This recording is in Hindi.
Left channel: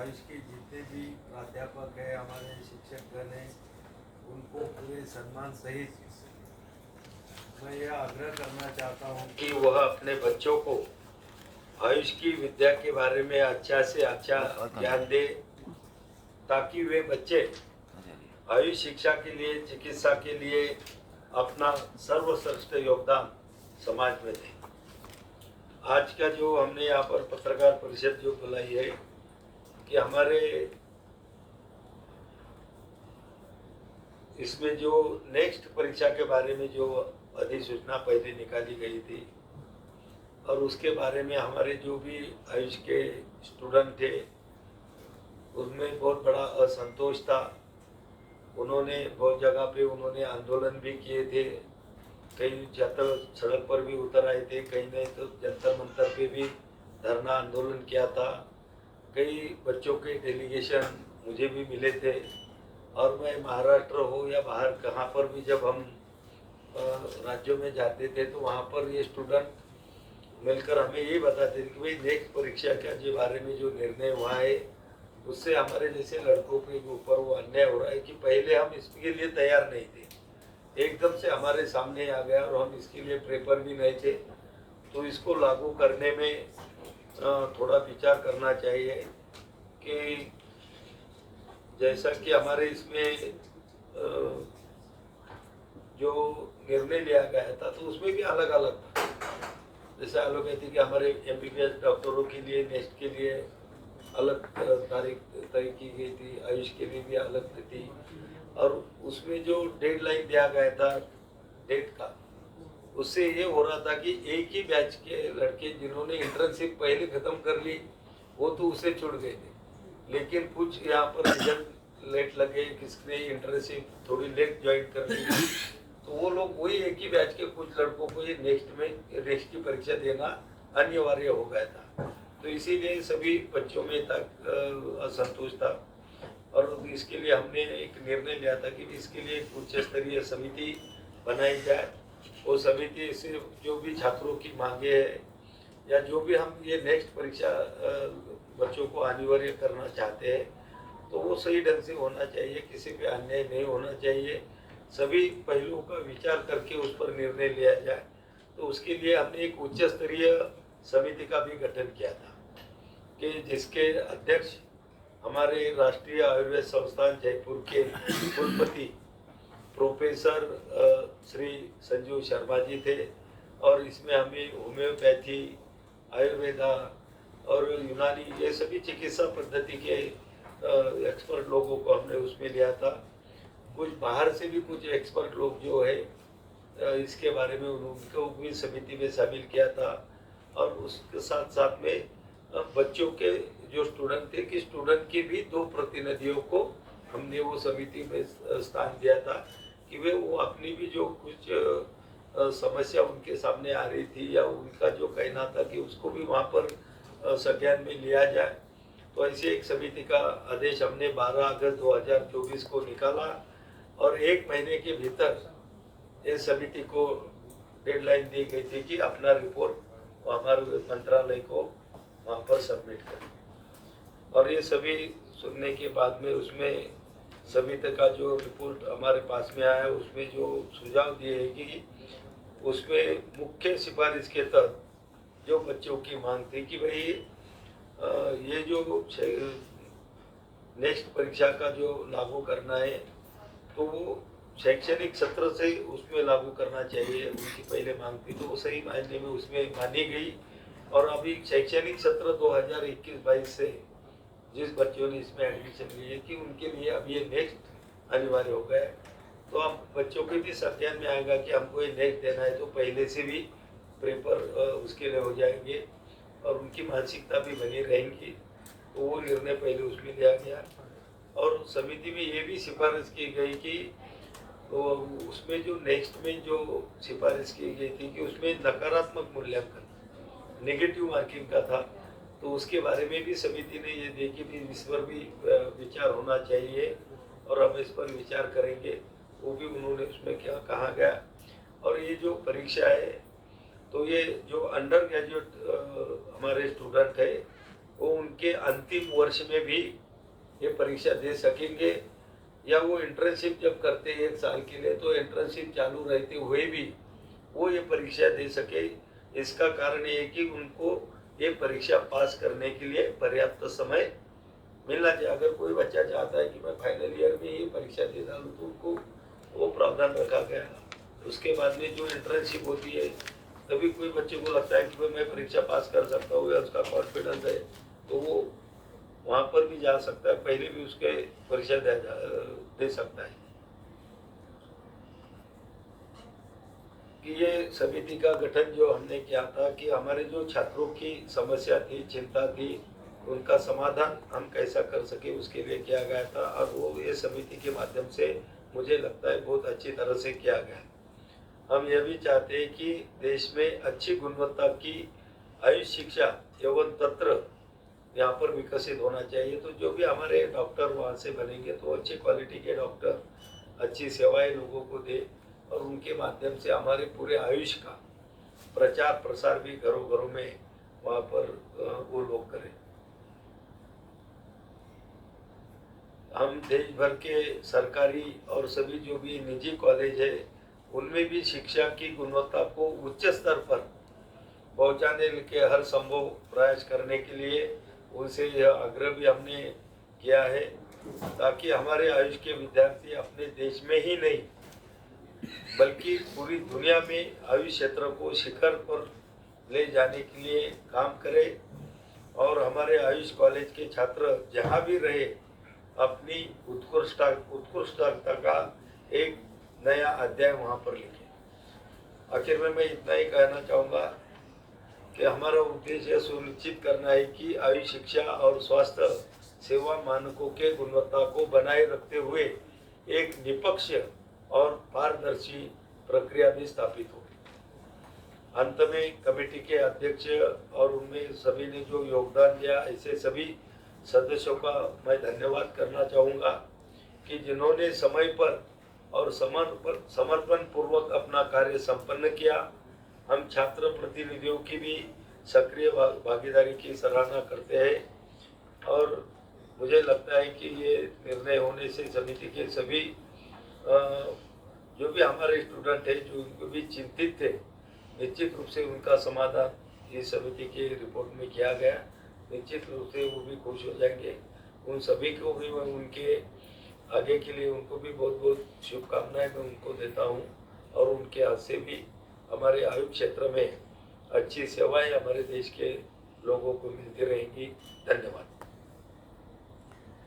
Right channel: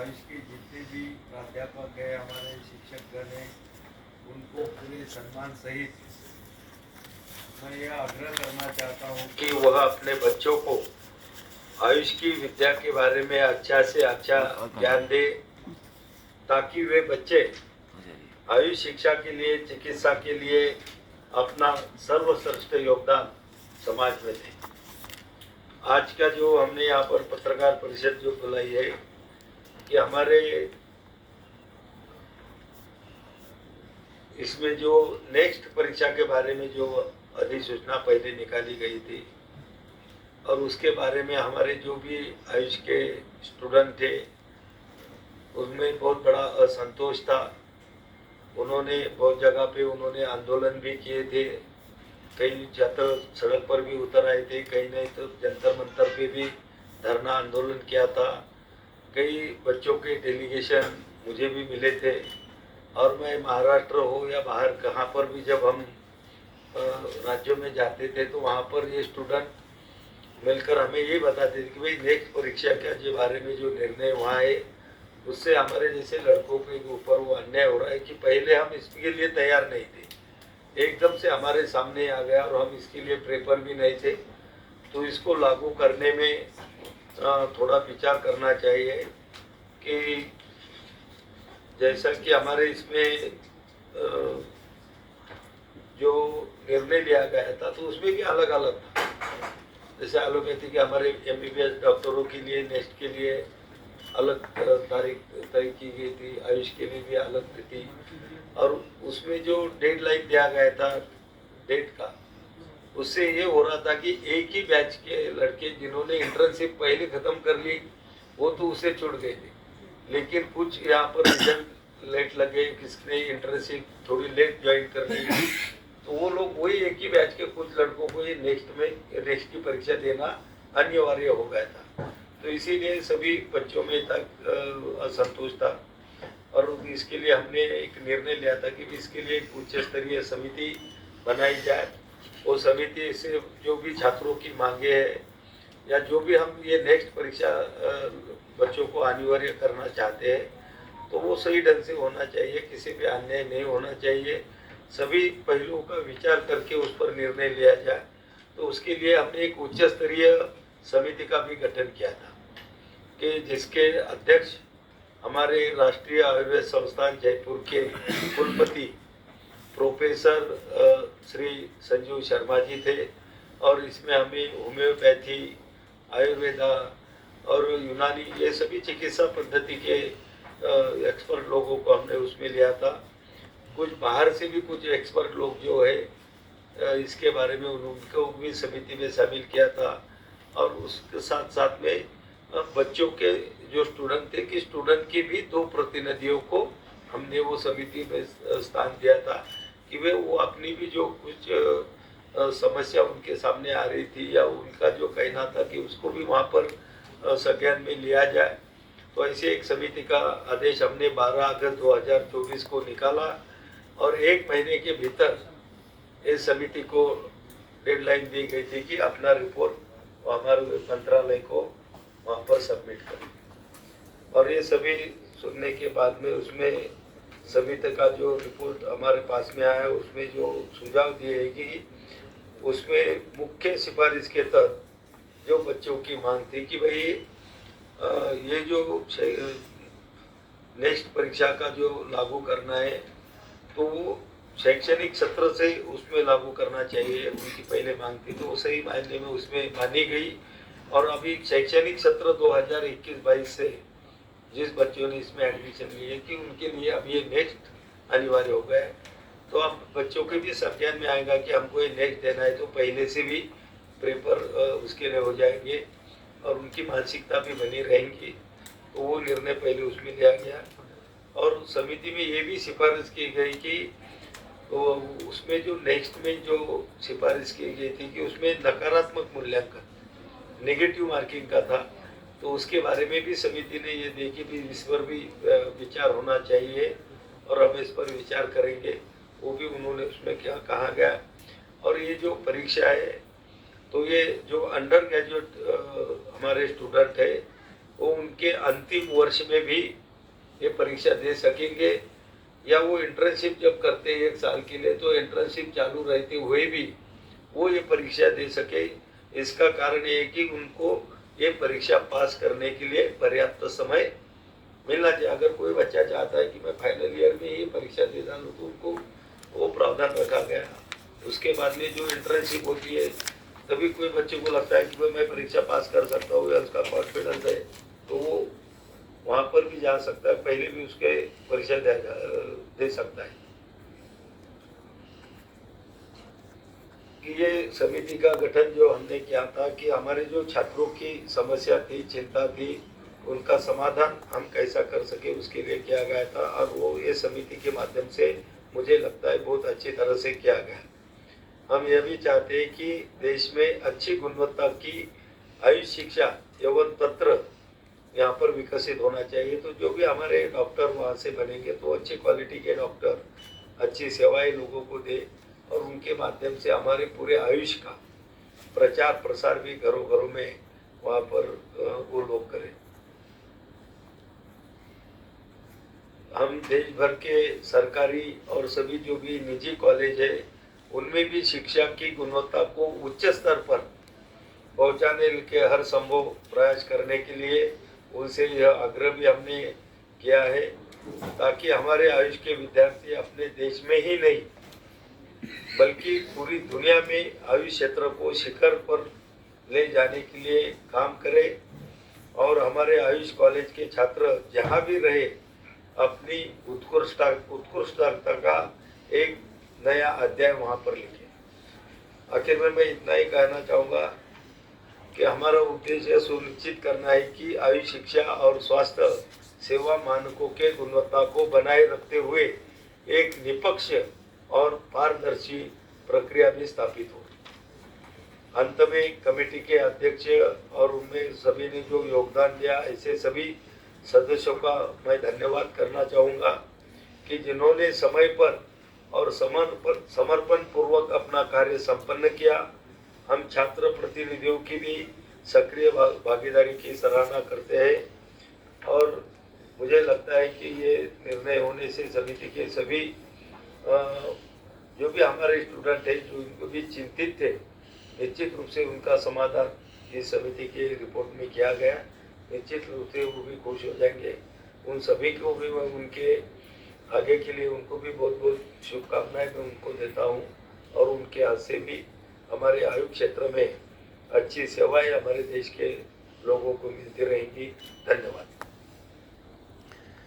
आयुष के जितने भी प्राध्यापक हैं, हमारे शिक्षकगण हैं, उनको पूरे सम्मान सहित मैं यह आग्रह करना चाहता हूँ कि वह अपने बच्चों को आयुष की विद्या के बारे में अच्छा से अच्छा ज्ञान दे, ताकि वे बच्चे आयुष शिक्षा के लिए, चिकित्सा के लिए अपना सर्वश्रेष्ठ योगदान समाज में दें। आज का जो हमने यहाँ पर पत्रकार परिषद जो बुलाई है कि हमारे इसमें जो नेक्स्ट परीक्षा के बारे में जो अधिसूचना पहले निकाली गई थी और उसके बारे में हमारे जो भी आयुष के स्टूडेंट थे उनमें बहुत बड़ा असंतोष था। उन्होंने बहुत जगह पे उन्होंने आंदोलन भी किए थे, कई छात्र सड़क पर भी उतर आए थे, कई नहीं तो जंतर मंतर पे भी धरना आंदोलन किया था। कई बच्चों के डेलीगेशन मुझे भी मिले थे और मैं महाराष्ट्र हो या बाहर कहाँ पर भी जब हम राज्यों में जाते थे तो वहाँ पर ये स्टूडेंट मिलकर हमें ये बताते थे कि भाई नेक्स्ट परीक्षा के बारे में जो निर्णय वहाँ है उससे हमारे जैसे लड़कों के ऊपर वो अन्याय हो रहा है कि पहले हम इसके लिए तैयार नहीं थे, एकदम से हमारे सामने आ गया और हम इसके लिए प्रेपर भी नहीं थे। तो इसको लागू करने में थोड़ा विचार करना चाहिए कि जैसा कि हमारे इसमें जो निर्णय लिया गया था तो उसमें भी अलग अलग था। जैसे एलोपैथी के हमारे MBBS डॉक्टरों के लिए नेक्स्ट के लिए अलग तारीख तय की गई थी, आयुष के लिए भी अलग थी और उसमें जो डेडलाइन दिया गया था डेट का, उससे ये हो रहा था कि एक ही बैच के लड़के जिन्होंने इंटर्नशिप पहले खत्म कर ली वो तो उससे छूट गए थे, लेकिन कुछ यहाँ पर रिजल्ट लेट लगे, किसने इंटर्नशिप थोड़ी लेट ज्वाइन कर ली तो वो लोग वही एक ही बैच के कुछ लड़कों को ये नेक्स्ट की परीक्षा देना अनिवार्य हो गया था। तो इसीलिए सभी बच्चों में तक असंतोष था और इसके लिए हमने एक निर्णय लिया था कि इसके लिए एक उच्च स्तरीय समिति बनाई जाए। वो समिति से जो भी छात्रों की मांगे है या जो भी हम ये नेक्स्ट परीक्षा बच्चों को अनिवार्य करना चाहते हैं तो वो सही ढंग से होना चाहिए, किसी भी अन्याय नहीं होना चाहिए, सभी पहलुओं का विचार करके उस पर निर्णय लिया जाए। तो उसके लिए हमने एक उच्च स्तरीय समिति का भी गठन किया था कि जिसके अध्यक्ष हमारे राष्ट्रीय आयुर्वेद संस्थान जयपुर के कुलपति प्रोफेसर श्री संजीव शर्मा जी थे और इसमें हमें होम्योपैथी, आयुर्वेदा और यूनानी ये सभी चिकित्सा पद्धति के एक्सपर्ट लोगों को हमने उसमें लिया था। कुछ बाहर से भी कुछ एक्सपर्ट लोग जो है इसके बारे में उनको भी समिति में शामिल किया था और उसके साथ साथ में बच्चों के जो स्टूडेंट थे कि स्टूडेंट के भी 2 प्रतिनिधियों को हमने वो समिति में स्थान दिया था कि वे वो अपनी भी जो कुछ समस्या उनके सामने आ रही थी या उनका जो कहना था कि उसको भी वहाँ पर संज्ञान में लिया जाए। तो ऐसे एक समिति का आदेश हमने 12 अगस्त 2024 को निकाला और 1 महीने के भीतर इस समिति को डेडलाइन दी गई थी कि अपना रिपोर्ट हमारे मंत्रालय को वहाँ पर सबमिट करें। और ये सभी सुनने के बाद में उसमें समिति का जो रिपोर्ट हमारे पास में आया उसमें जो सुझाव दिए हैं कि उसमें मुख्य सिफारिश के तहत जो बच्चों की मांग थी कि भाई ये जो नेक्स्ट परीक्षा का जो लागू करना है तो वो शैक्षणिक सत्र से उसमें लागू करना चाहिए, उनकी पहले मांग थी तो वो सही मायने में उसमें मानी गई। और अभी शैक्षणिक सत्र 2021-22 से जिस बच्चों ने इसमें एडमिशन लिए कि उनके लिए अब ये नेक्स्ट अनिवार्य हो गया है, तो अब बच्चों के भी संज्ञान में आएगा कि हमको ये नेक्स्ट देना है तो पहले से भी पेपर उसके लिए हो जाएंगे और उनकी मानसिकता भी बनी रहेंगी। तो वो निर्णय पहले उसमें लिया गया और समिति में ये भी सिफारिश की गई कि तो उसमें जो नेक्स्ट में जो सिफारिश की गई थी कि उसमें नकारात्मक मूल्यांकन, नेगेटिव मार्किंग का था, तो उसके बारे में भी समिति ने ये देखी कि इस पर भी विचार होना चाहिए और हम इस पर विचार करेंगे, वो भी उन्होंने उसमें क्या कहा गया। और ये जो परीक्षा है तो ये जो अंडर ग्रेजुएट हमारे स्टूडेंट है वो उनके अंतिम वर्ष में भी ये परीक्षा दे सकेंगे, या वो इंटर्नशिप जब करते हैं 1 साल के लिए तो इंटर्नशिप चालू रहते हुए भी वो ये परीक्षा दे सके। इसका कारण ये है कि उनको ये परीक्षा पास करने के लिए पर्याप्त समय मिलना चाहिए। अगर कोई बच्चा चाहता है कि मैं फाइनल ईयर में ये परीक्षा दे डालूँ तो उनको वो प्रावधान रखा गया। उसके बाद में जो इंटर्नशिप होती है तभी कोई बच्चे को लगता है कि भाई मैं परीक्षा पास कर सकता हूँ या उसका कॉन्फिडेंस है तो वो वहाँ पर भी जा सकता है, पहले भी उसके परीक्षा दे सकता है। कि ये समिति का गठन जो हमने किया था कि हमारे जो छात्रों की समस्या थी, चिंता थी, उनका समाधान हम कैसा कर सके उसके लिए किया गया था, और वो ये समिति के माध्यम से मुझे लगता है बहुत अच्छी तरह से किया गया। हम यह भी चाहते हैं कि देश में अच्छी गुणवत्ता की आयुष शिक्षा एवं तंत्र यहाँ पर विकसित होना चाहिए। तो जो भी हमारे डॉक्टर वहाँ से बनेंगे तो अच्छी क्वालिटी के डॉक्टर अच्छी सेवाएं लोगों को दे, और उनके माध्यम से हमारे पूरे आयुष का प्रचार प्रसार भी घरों घरों में वहाँ पर वो लोग करें। हम देश भर के सरकारी और सभी जो भी निजी कॉलेज है उनमें भी शिक्षा की गुणवत्ता को उच्च स्तर पर पहुंचाने के हर संभव प्रयास करने के लिए उनसे यह आग्रह भी हमने किया है, ताकि हमारे आयुष के विद्यार्थी अपने देश में ही नहीं बल्कि पूरी दुनिया में आयुष क्षेत्र को शिखर पर ले जाने के लिए काम करें, और हमारे आयुष कॉलेज के छात्र जहाँ भी रहे अपनी उत्कृष्टता का एक नया अध्याय वहाँ पर लिखें। आखिर में मैं इतना ही कहना चाहूँगा कि हमारा उद्देश्य सुनिश्चित करना है कि आयुष शिक्षा और स्वास्थ्य सेवा मानकों के गुणवत्ता को बनाए रखते हुए एक निष्पक्ष और पारदर्शी प्रक्रिया भी स्थापित हो। अंत में कमेटी के अध्यक्ष और उनमें सभी ने जो योगदान दिया ऐसे सभी सदस्यों का मैं धन्यवाद करना चाहूँगा कि जिन्होंने समय पर और समर्पण पूर्वक अपना कार्य संपन्न किया। हम छात्र प्रतिनिधियों की भी सक्रिय भागीदारी की सराहना करते हैं, और मुझे लगता है कि ये निर्णय होने से समिति के सभी जो भी हमारे स्टूडेंट हैं जो उनको भी चिंतित थे, निश्चित रूप से उनका समाधान इस समिति की रिपोर्ट में किया गया। निश्चित रूप से वो भी खुश हो जाएंगे। उन सभी को भी मैं उनके आगे के लिए उनको भी बहुत बहुत शुभकामनाएं मैं उनको देता हूँ, और उनके हाथ से भी हमारे आयुष क्षेत्र में अच्छी सेवाएं हमारे देश के लोगों को मिलती रहेंगी। धन्यवाद।